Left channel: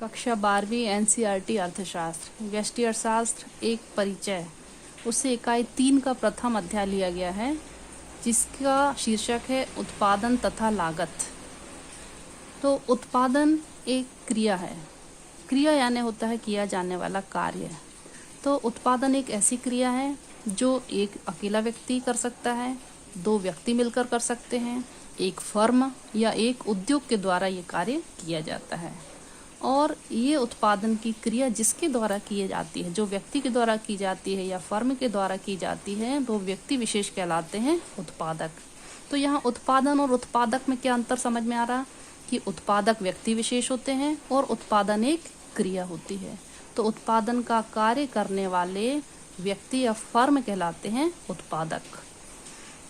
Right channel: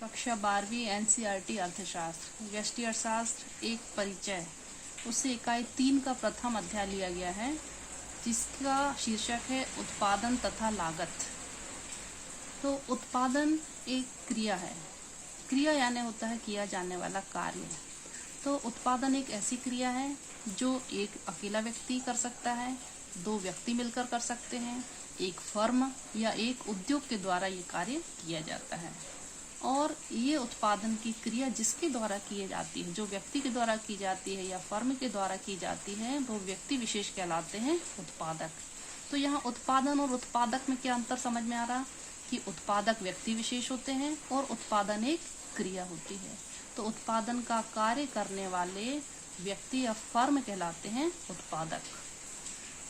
कक्षा 12वीं एनसीईआरटी अर्थशास्त्र व्यष्टि अर्थशास्त्र एक परिचय उससे इकाई 3 का प्रथम अध्याय लिया गया है, जिसका शीर्षक है उत्पादन तथा लागत। तो उत्पादन एक क्रिया है। क्रिया यानी होता है किया जाने वाला कार्य। तो उत्पादन एक ऐसी क्रिया है जो एक अकेला व्यक्ति कर सकता है, 2 व्यक्ति मिलकर कर सकते हैं, एक फर्म या एक उद्योग के द्वारा ये कार्य किया जाता है। और ये उत्पादन की क्रिया जिसके द्वारा की जाती है, जो व्यक्ति के द्वारा की जाती है या फर्म के द्वारा की जाती है, वो व्यक्ति विशेष कहलाते हैं उत्पादक। तो यहाँ उत्पादन और उत्पादक में क्या अंतर समझ में आ रहा कि उत्पादक व्यक्ति विशेष होते हैं और उत्पादन एक क्रिया होती है। तो उत्पादन का कार्य करने वाले व्यक्ति या फर्म कहलाते हैं उत्पादक।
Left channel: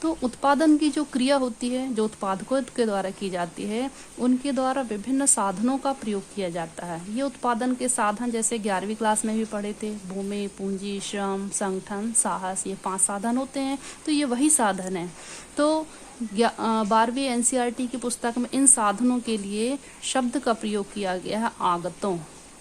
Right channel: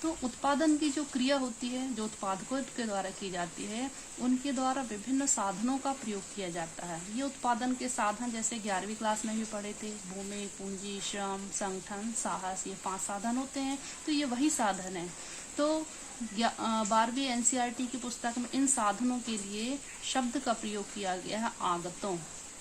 तो उत्पादन की जो क्रिया होती है, जो उत्पादकों के द्वारा की जाती है, उनके द्वारा विभिन्न साधनों का प्रयोग किया जाता है। ये उत्पादन के साधन जैसे 11वीं क्लास में भी पढ़े थे, भूमि, पूंजी, श्रम, संगठन, साहस, ये 5 साधन होते हैं। तो ये वही साधन है। तो 12वीं एनसीईआरटी की पुस्तक में इन साधनों के लिए शब्द का प्रयोग किया गया है आगतों।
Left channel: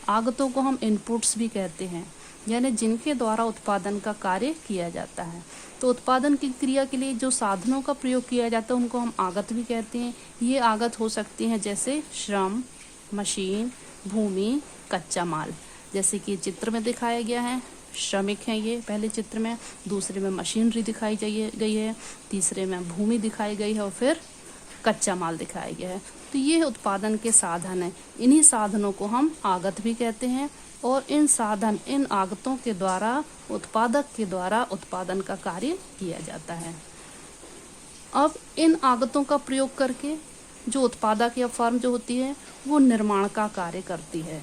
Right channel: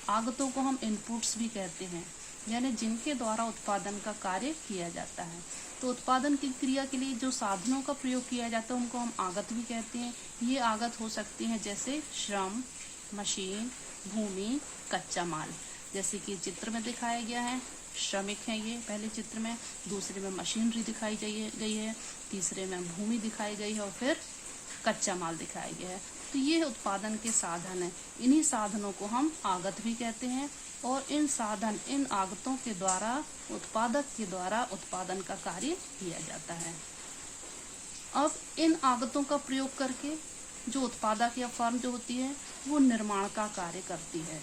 आगतों को हम इनपुट्स भी कहते हैं, यानी जिनके द्वारा उत्पादन का कार्य किया जाता है। तो उत्पादन की क्रिया के लिए जो साधनों का प्रयोग किया जाता है उनको हम आगत भी कहते हैं। ये आगत हो सकती हैं जैसे श्रम, मशीन, भूमि, कच्चा माल। जैसे कि चित्र में दिखाया गया है, श्रमिक हैं ये पहले चित्र में, दूसरे में मशीनरी दिखाई गई है, तीसरे में भूमि दिखाई गई है और फिर कच्चा माल दिखाया गया है। तो ये उत्पादन के साधन है। इन्हीं साधनों को हम आगत भी कहते हैं और इन आगतों के द्वारा उत्पादक के द्वारा उत्पादन का कार्य किया जाता है। अब इन आगतों का प्रयोग करके जो उत्पादक या फर्म जो होती है वो निर्माण का कार्य करती है।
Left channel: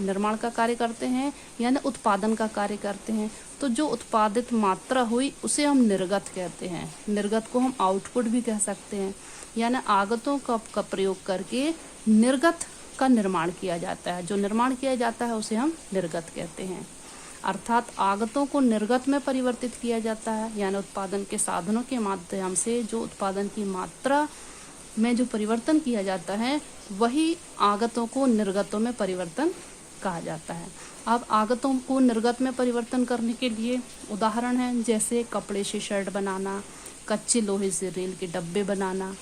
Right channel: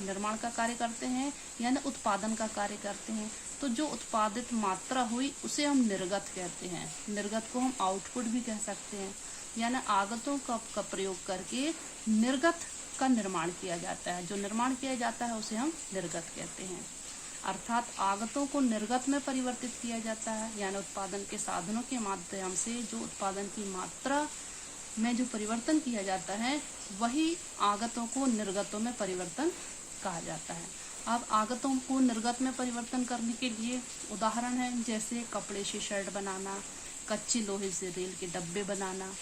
निर्माण का कार्य करते हैं यानी उत्पादन का कार्य करते हैं। तो जो उत्पादित मात्रा हुई उसे हम निर्गत कहते हैं। निर्गत को हम आउटपुट भी कह सकते हैं। यानी आगतों का प्रयोग करके निर्गत का निर्माण किया जाता है। जो निर्माण किया जाता है उसे हम निर्गत कहते हैं। अर्थात आगतों को निर्गत में परिवर्तित किया जाता है, यानी उत्पादन के साधनों के माध्यम से जो उत्पादन की मात्रा में जो परिवर्तन किया जाता है वही आगतों को निर्गतों में परिवर्तन कहा जाता है। अब आगतों को निर्गत में परिवर्तन करने के लिए उदाहरण है जैसे कपड़े से शर्ट बनाना, कच्चे लोहे से रेल के डब्बे बनाना।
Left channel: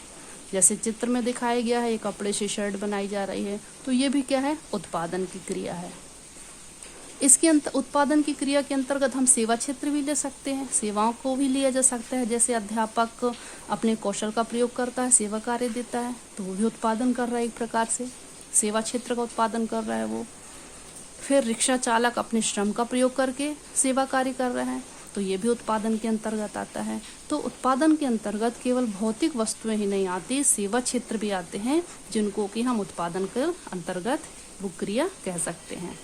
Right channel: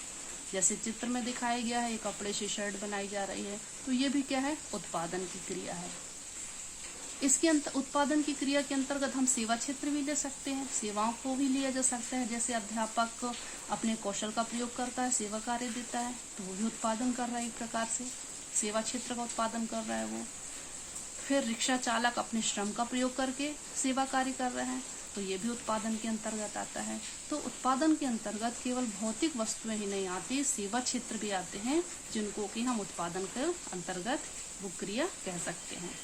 जैसे चित्र में दिखाया गया है, ये कपड़े से शर्ट बनाई जा रही है, तो ये भी क्या है, उत्पादन की क्रिया है। इसके उत्पादन की क्रिया के अंतर्गत हम सेवा क्षेत्र भी ले सकते हैं, सेवाओं को भी लिया जा सकता है। जैसे अध्यापक अपने कौशल का प्रयोग करता है, सेवा कार्य देता है, तो वो भी उत्पादन कर रहा है, एक प्रकार से सेवा क्षेत्र का उत्पादन कर रहा है वो। फिर रिक्शा चालक अपने श्रम का प्रयोग करके सेवा कार्य कर रहे हैं, तो ये भी उत्पादन के अंतर्गत आता है। तो उत्पादन के अंतर्गत केवल भौतिक वस्तुएं ही नहीं आती, सेवा क्षेत्र भी आते हैं, जिनको कि हम उत्पादन के अंतर्गत वो क्रिया कह सकते हैं।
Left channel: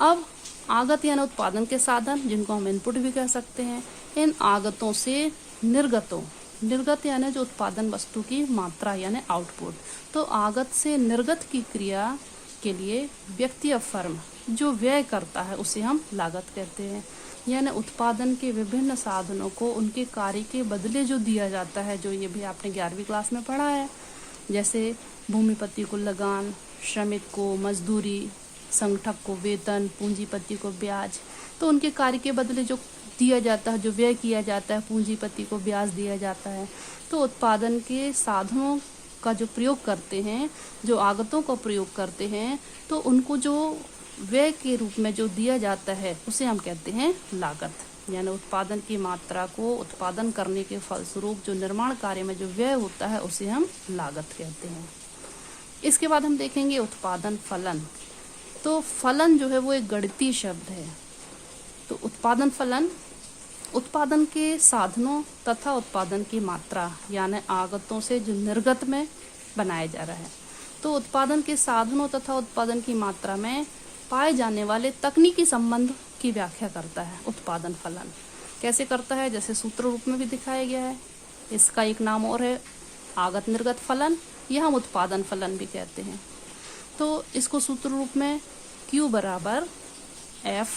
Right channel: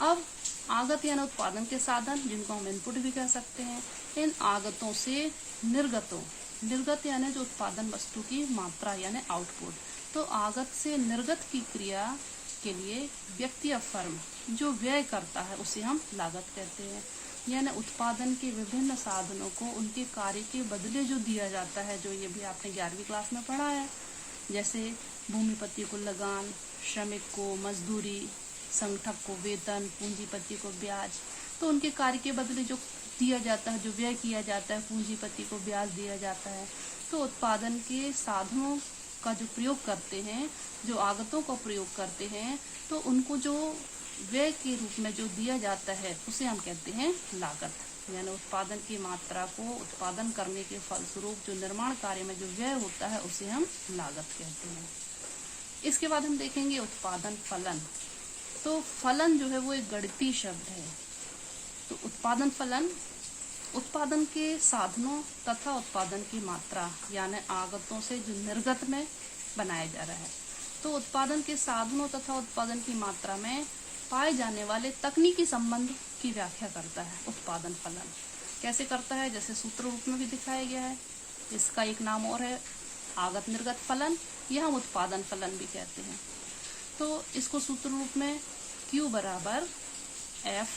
अब आगत यानी उत्पादन के साधन, जिनको हम इनपुट भी कह सकते हैं। इन आगतों से निर्गत यानी जो उत्पादन वस्तु की मात्रा यानी आउटपुट। तो आगत से निर्गत की क्रिया के लिए व्यक्ति या फर्म जो व्यय करता है उसे हम लागत कहते हैं। यानी उत्पादन के विभिन्न साधनों को उनके कार्य के बदले जो दिया जाता है, जो ये भी आपने 11वीं क्लास में पढ़ा है, जैसे भूमिपति को लगान, श्रमिक को मजदूरी, संगठक को वेतन, पूंजीपति को ब्याज। तो उनके कार्य के बदले जो दिया जाता है, जो व्यय किया जाता है, पूंजीपति को ब्याज दिया जाता है। तो उत्पादन के साधनों का जो प्रयोग करते हैं, जो आगतों का प्रयोग करते हैं, तो उनको जो व्यय के रूप में जो दिया जाता है उसे हम कहते हैं लागत। यानी उत्पादन की मात्रा को उत्पादन करने के फलस्वरूप जो निर्माण कार्य में जो व्यय होता है उसे हम लागत कहते हैं। इसके बाद हम देखेंगे उत्पादन फलन। तो फलन जो है वो एक गणितीय शब्द है। तो उत्पादन फलन उत्पादन के साधनों तथा उत्पादन की मात्रा यानी आगतों से जो निर्गत में बनाया जा रहा है। तो उत्पादन के साधनों तथा उत्पादन की मात्रा में पाए जाने वाले तकनीकी संबंध की व्याख्या करता है उत्पादन फलन। कैसे करता है, जैसे सूत्र रूप में भी दिखाया गया है। इसका एक नाम और है आगत निर्गत फलन, यह हम उत्पादन फलन भी कहते हैं। तो इसको सूत्र रूप में Q बराबर F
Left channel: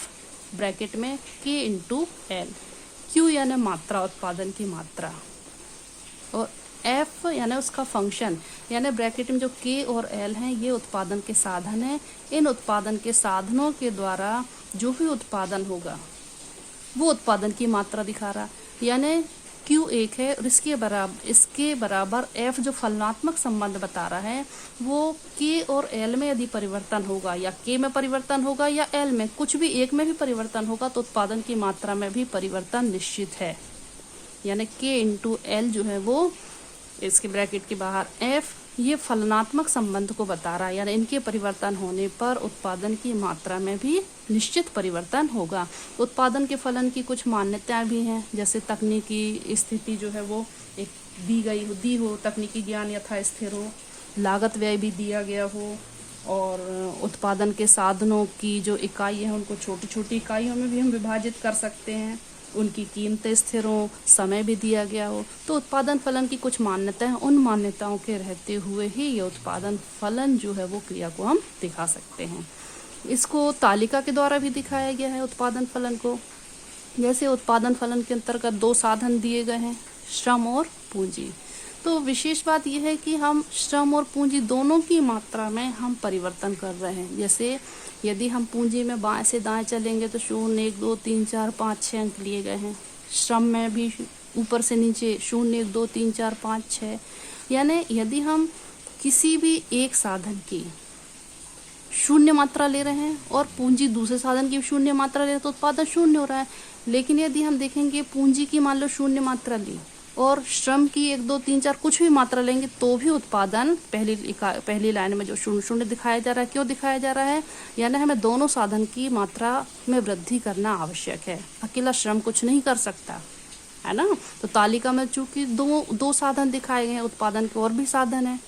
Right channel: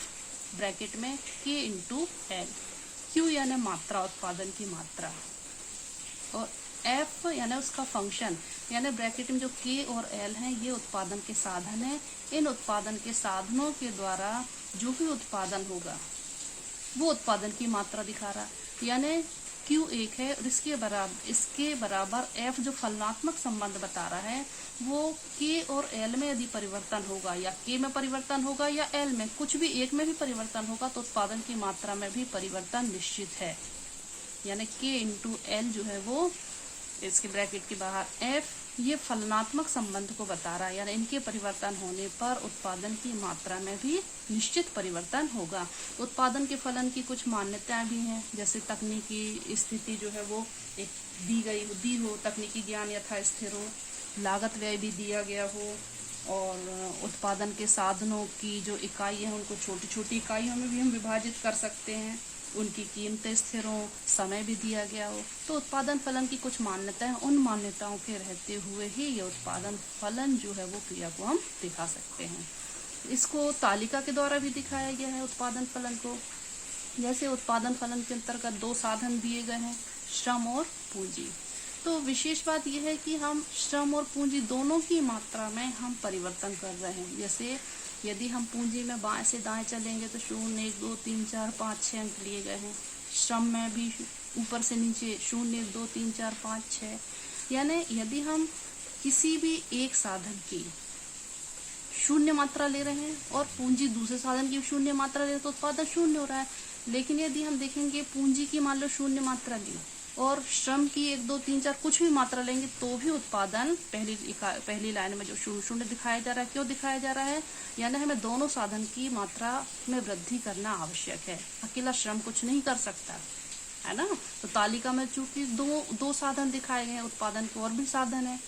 ब्रैकेट में K इंटू L। Q यानी मात्रा, उत्पादन की मात्रा, और एफ यानी उसका फंक्शन, यानी ब्रैकेट में जो के और एल हैं ये उत्पादन के साधन है। इन उत्पादन के साधनों के द्वारा जो भी उत्पादन होगा वो उत्पादन की मात्रा दिखा रहा, यानी Q1 है और इसके बराबर F जो फलनात्मक संबंध बता रहा है वो K और L में यदि परिवर्तन होगा या K में परिवर्तन होगा या L में, कुछ भी एक में भी परिवर्तन होगा तो उत्पादन की मात्रा में भी परिवर्तन निश्चित है। यानी K इंटू L जो है वो इसके ब्रैकेट के बाहर F ये फलनात्मक संबंध को बता रहा है, यानी इनके परिवर्तन होने पर उत्पादन की मात्रा में भी निश्चित परिवर्तन होगा। उत्पादन के फलन की कुछ मान्यताएं भी हैं, जैसे तकनीकी स्थिति जो है वो एक दी हो, तकनीकी ज्ञान यथा स्थिर हो, लागत व्यय भी दिया गया हो, और उत्पादन के साधनों की जो इकाई है उनको छोटी छोटी इकाइयों में भी हम विभाजित कर सकते हैं, उनकी कीमतें स्थिर हो, समय भी दिया गया हो। तो उत्पादन फलन की कुछ मान्यताएं, उन मान्यताओं के रहते हुए ही ये उत्पादन फलन जो है वो क्रिया को हम दिखा सकते हैं। इसको तालिका के द्वारा भी दिखाया गया है उत्पादन फलन को। जैसे उत्पादन फलन के अंतर्गत 2 साधन दिए गए हैं, श्रम और पूंजी। तो विशेष बात यह है कि हम श्रम और पूंजी दोनों की मात्रा में हम परिवर्तन कर रहे हैं। जैसे यदि हम पूंजी में बाएं से दाएं चलेंगे तो 0, 1, 2, 3, 4, 5, 6 अंक लिए गए हैं। श्रम में भी ऊपर से नीचे 0, 1, 2, 3, 4, 5, 6। यानी यदि हम किसी भी एक साधन की 0 मात्रा ले रहे हैं और पूंजी दूसरे साधन की 0 मात्रा ले रहे हैं तो उत्पादन 0 हो रहा है। लेकिन यदि हम देखेंगे पूंजी की मान लो 0 मात्रा ली और श्रम की 1, 2, 3, 4 कुछ भी मात्रा लेंगे तो भी उत्पादन पहली लाइन में जो 0 दिखाया जा रहा है, क्यों दिखाया जा रहा है? यानी हमें दोनों साधन की मात्रा में वृद्धि करना आवश्यक है। अकेला श्रम कुछ नहीं कर सकता, है ना। तो तालिका में चूंकि दो साधन दिखाए गए हैं, उत्पादन के और भी साधन है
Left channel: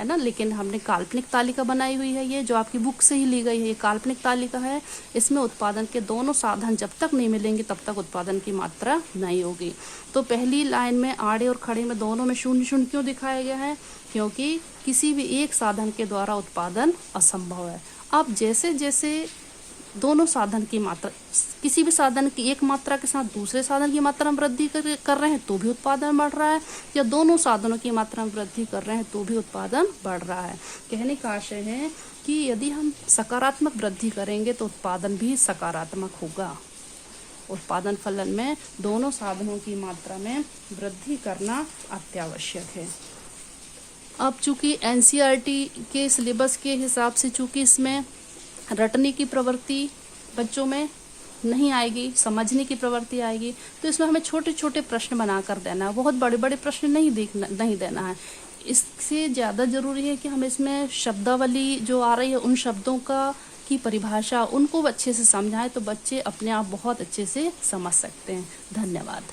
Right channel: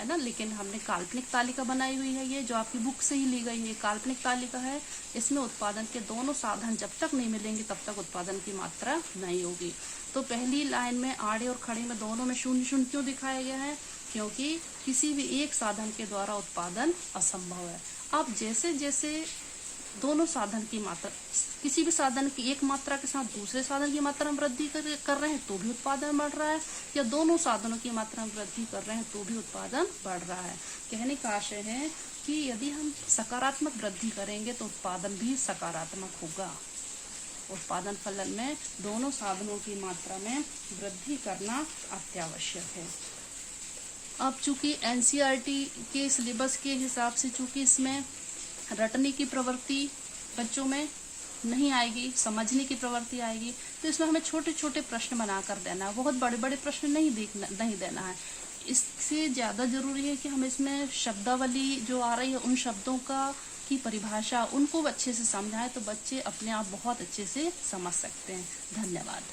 ना, लेकिन हमने काल्पनिक तालिका बनाई हुई है, ये जो आपकी बुक से ही ली गई है, ये काल्पनिक तालिका है। इसमें उत्पादन के दोनों साधन जब तक नहीं मिलेंगे तब तक उत्पादन की मात्रा नहीं होगी। तो पहली लाइन में आड़े और खड़े में दोनों में 0 क्यों दिखाया गया है? क्योंकि किसी भी एक साधन के द्वारा उत्पादन असंभव है। अब जैसे जैसे दोनों साधन की मात्रा, किसी भी साधन की एक मात्रा के साथ दूसरे साधन की मात्रा में वृद्धि कर रहे हैं तो भी उत्पादन बढ़ रहा है, या दोनों साधनों की मात्रा में वृद्धि कर रहे हैं तो भी उत्पादन बढ़ रहा है। कहने का आशय है कि यदि हम सकारात्मक वृद्धि करेंगे तो उत्पादन भी सकारात्मक होगा। उत्पादन फलन में दोनों साधनों की मात्रा में वृद्धि करना अत्यावश्यक है। अब चूंकि एनसीईआरटी के सिलेबस के हिसाब से चूंकि इसमें रटने की प्रवृत्ति बच्चों में नहीं आएगी, समझने की प्रवृत्ति आएगी, तो इसमें हमें छोटे छोटे प्रश्न बनाकर देना है, बहुत बड़े बड़े प्रश्न नहीं देना है। इससे ज्यादा जरूरी है कि हम इसमें शब्दावली जो आ रही है उन शब्दों की परिभाषा उनको अच्छे से समझाएं तो बच्चे अपने आप बहुत अच्छे से समझ सकते हैं। धन्यवाद।